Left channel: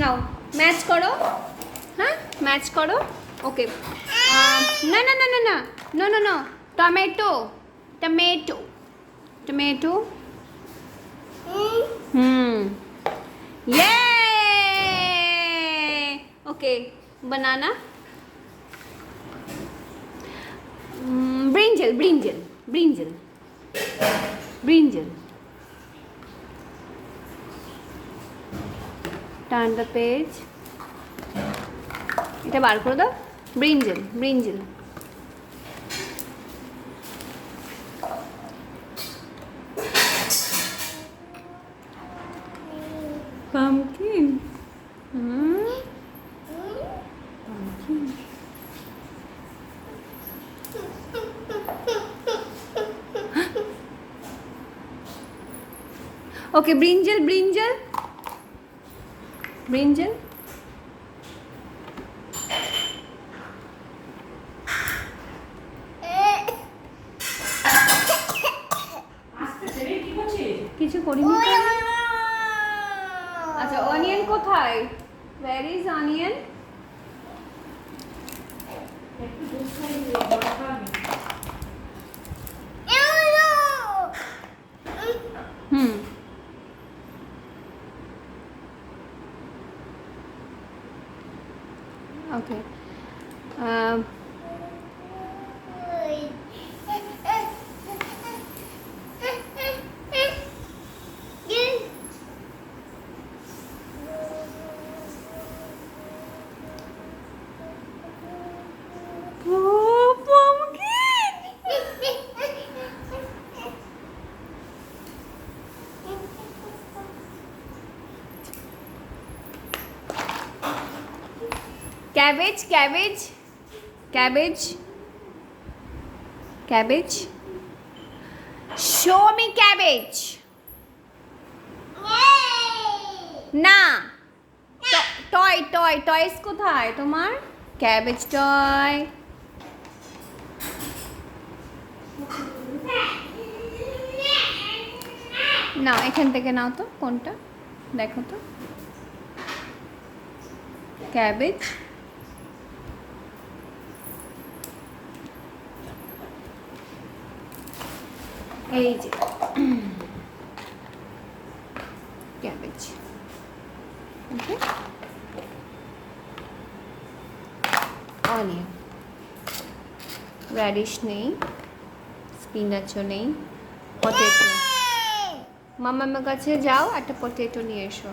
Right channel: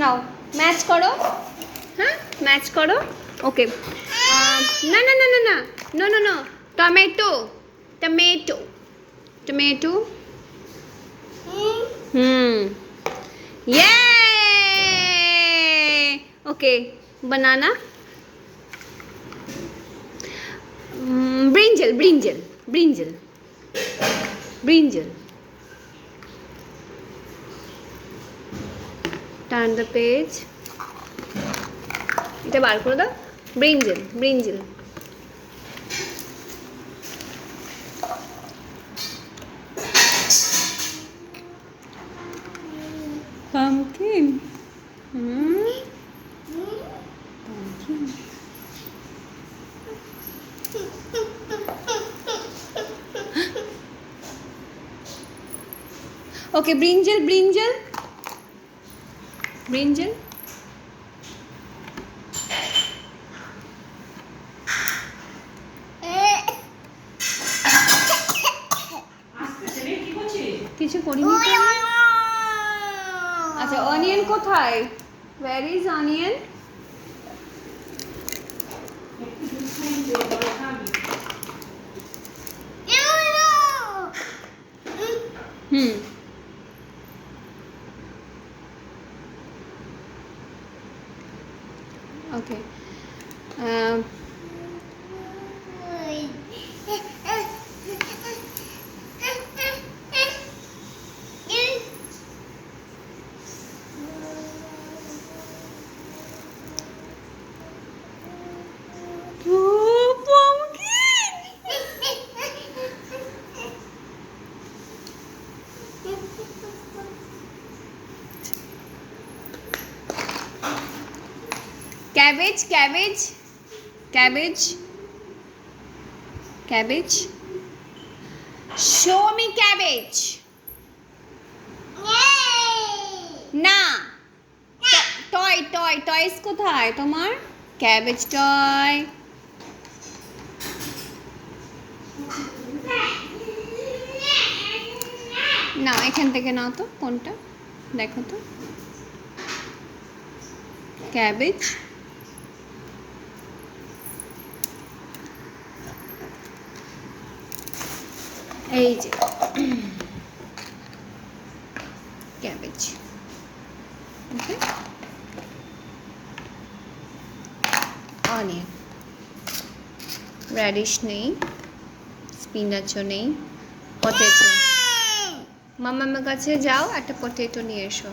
নাও ম্যাচ করো, হ্যাঁ ম্যাচ করো। ওকে, না না না না না no no no, tomato tomato tomato, yeah okay, banana, brinjal brinjal brinjal brinjal, turn the page, এটা বার করে দাও, brinjal brinjal, pumpkin, pumpkin, okay brinjal brinjal brinjal, কিছু করিনি তো। আচ্ছা অনিয়ন কোথায়, where is onion? Okay, cabbage cabbage cabbage cabbage, show me cabbage, না টয় টয় টয়স কোথায় তোমার, ক্যাবেজ টয়, নাও এখান থেকে নাও তো, কোনটা দেখো তো, ক্যাবেজ, এই যে ক্যাবেজ, ওকে, অনিয়ন, র্যাডিশ নেই, স্পিনাচও নেই, পটেটো, মামার কাছে যাও একটা পটেটো নিয়ে এসো।